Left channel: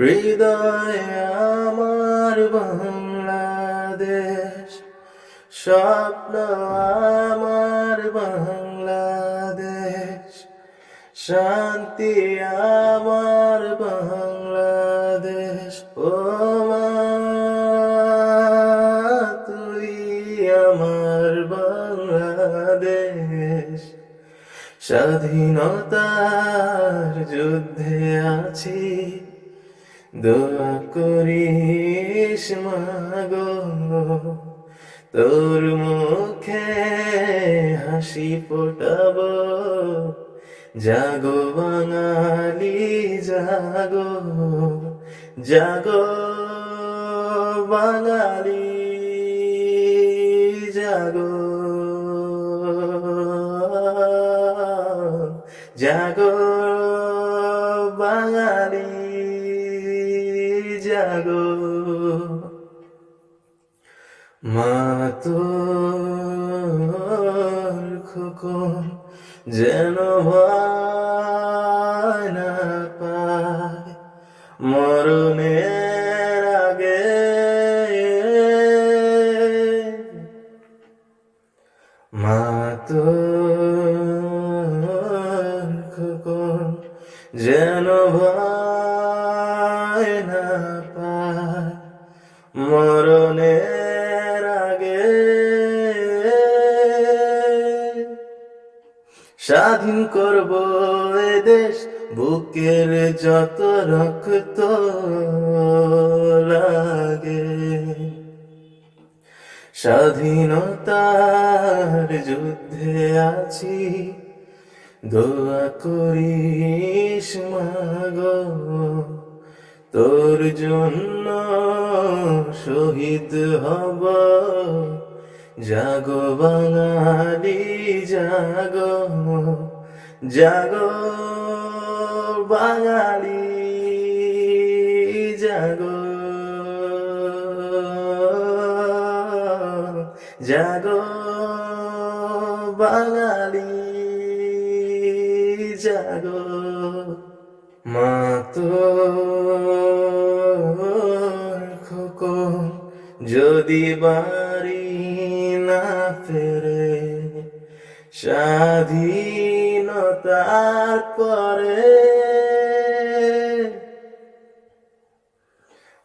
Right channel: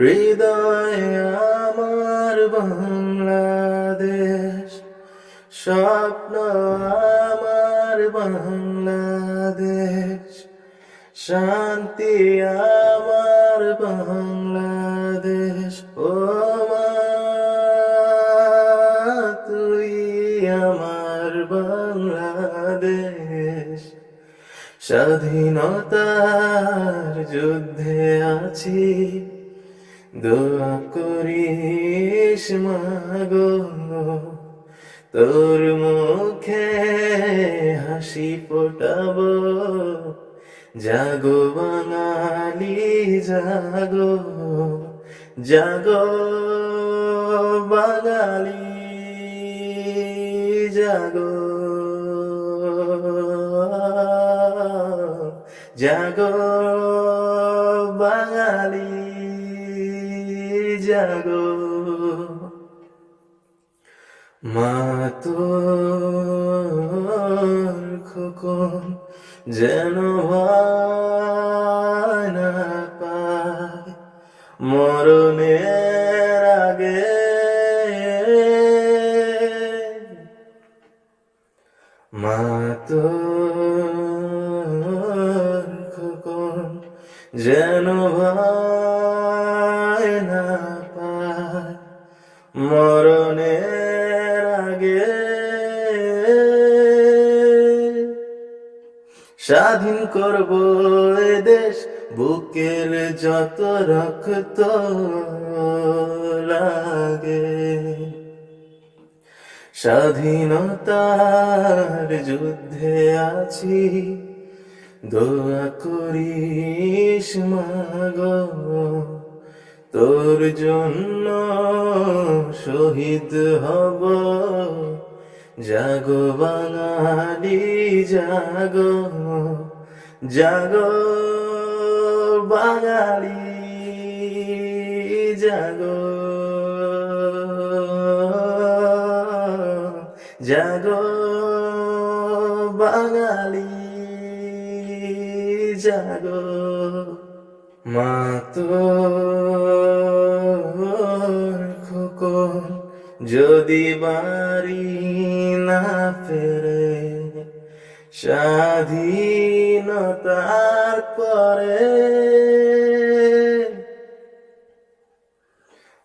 হৃদয়ে আমার বাংলাদেশ, স্বপ্ন আমার বাংলাদেশ, শান্তি আমার বাংলাদেশ। ও মা, তুই আমার বাংলাদেশ। স্বাধীনতার যুদ্ধে আছি, দোয়া করিস মাগো, তোর মুখে হাসি ফোটাবো। জাগো বাঙালি জাগো, জাগো বাঙালি জাগো, জাগো বাঙালি জাগো। মা তোর খোকন যেন ভয় না পায় মরণের আগে, মা তোর খোকন যেন ভয় না পায় মরণের আগে। স্বাধীন করব এ দেশ, বুকের যত রক্ত লাগে। স্বাধীনতার যুদ্ধে আছি, দোয়া করিস মাগো, তোর জন্য শহীদ হব। জাগো বাঙালি জাগো, জাগো বাঙালি জাগো, জাগো বাঙালি জাগো। মা তোর খোকন যদি বাড়ি না ফেরে স্বাধীনতার পরে,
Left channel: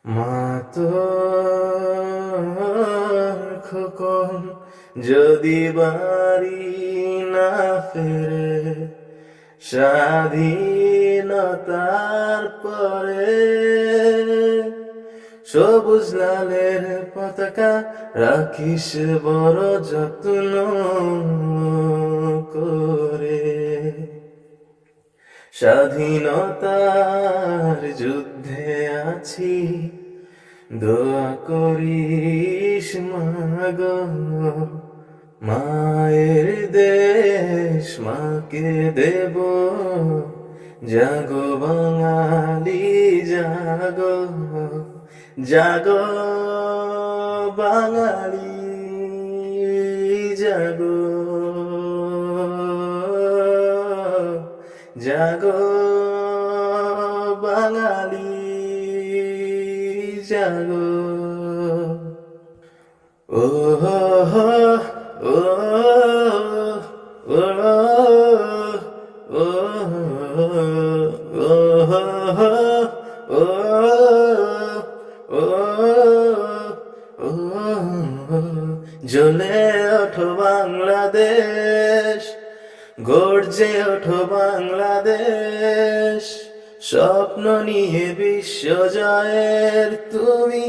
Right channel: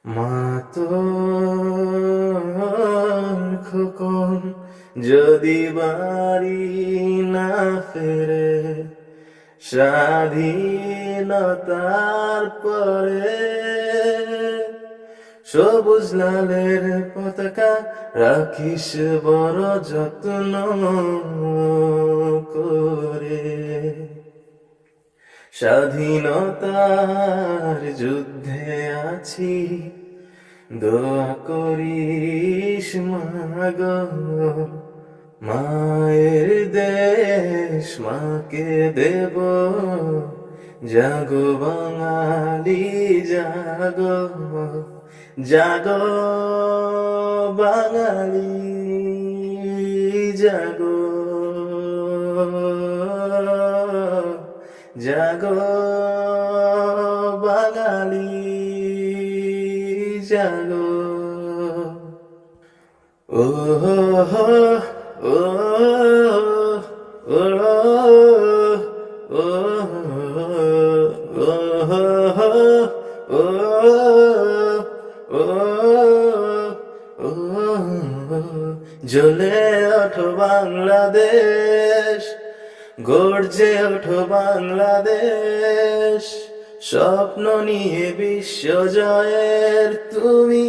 মা তোর খোকন যদি বাড়ি না ফেরে স্বাধীনতার পরে, সবুজ লালের পতাকা রাখিস বড় যত্ন করে। স্বাধীনতার যুদ্ধে আছি, দোয়া করিস মাগো, মায়ের দেশ মাকে দেব। জাগো বাঙালি জাগো, জাগো বাঙালি জাগো, জাগো বাঙালি জাগো। ও হো ও ও ও ও ও ও জ্বলে ওঠো বাংলাদেশ, গর্জে ওঠো বাংলাদেশ। স্বপ্ন নিয়ে বিশ্ব জয়ের তুমি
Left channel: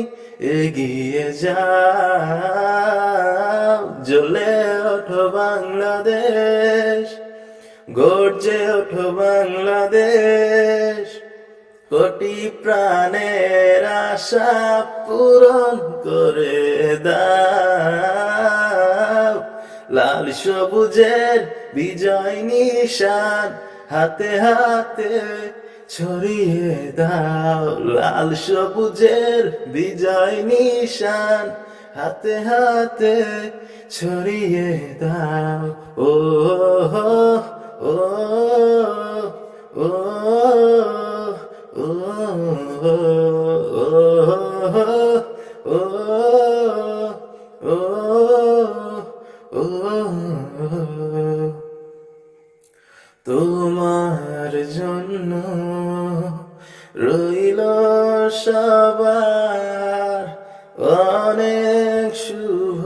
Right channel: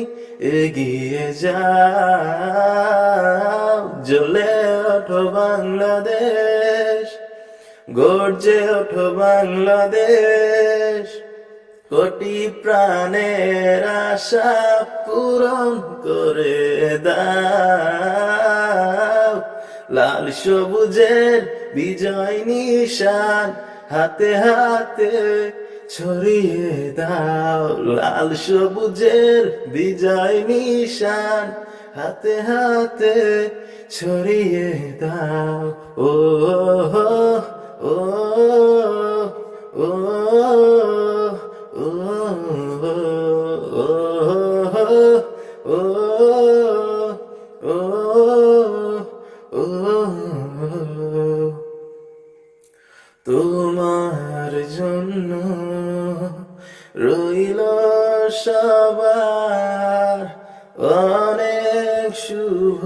এগিয়ে যাও। জ্বলে ওঠো বাংলাদেশ, গর্জে ওঠো বাংলাদেশ। কোটি প্রাণের আশা পূরণ করে দাও। লাল সবুজের বিজয় নিশান হাতে হাতে ছড়িয়ে দাও। লাল সবুজের বিজয় নিশান হাতে হাতে ছড়িয়ে দাও। ও ও তোমার জন্য রইল সবার অনেক শুভ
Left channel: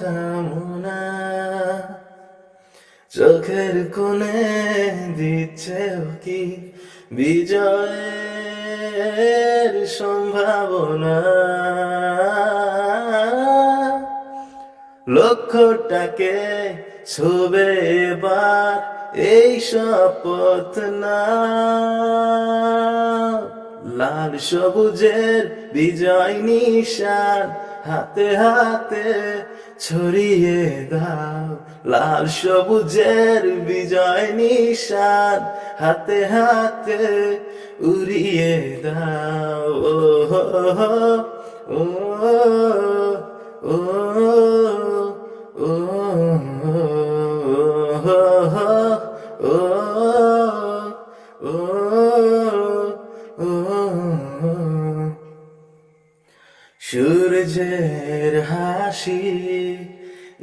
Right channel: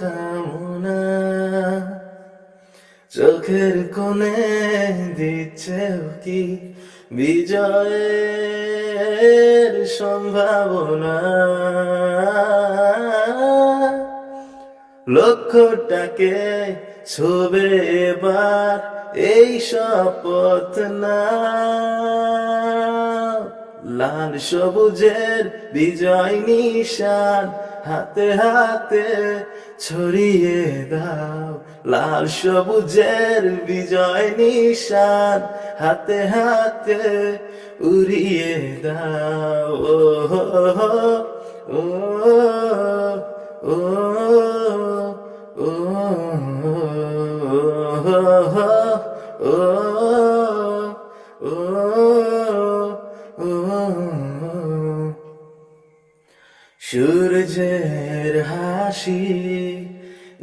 কামনা, চোখের কোণে দিচ্ছে কি বিজয়ের সম্ভাবনা, লক্ষ্যটাকে ছুবে এবার এই শপথ না, লাল সবুজের বিজয় নিশান হাতে হাতে ছড়িয়ে দাও, লাল সবুজের বিজয় নিশান হাতে হাতে উড়িয়ে দাও, ও হো হো, ও ও ও ও ও ও সূর্যের হাসি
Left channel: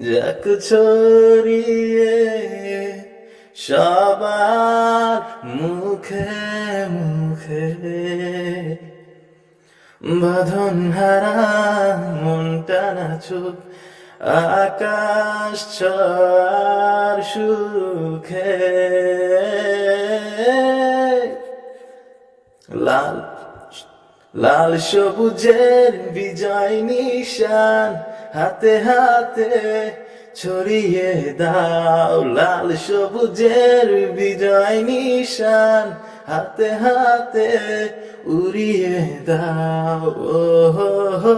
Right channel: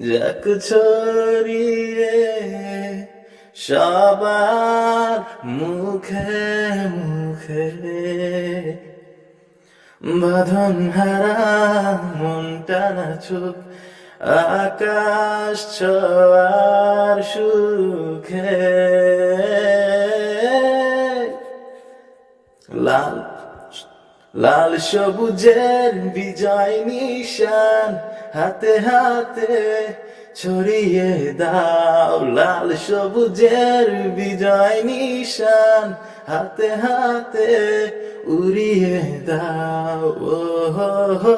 যাক ছড়িয়ে সবার মুখে মুখে, বাঁধন হারা মনটা নাচুক আকাশ ছোঁয়ার সুখে, লাল লাল সবুজের বিজয় নিশান হাতে হাতে ছড়িয়ে দাও, লাল সবুজের বিজয় নিশান হাতে হাতে উড়িয়ে দাও, ও হো হো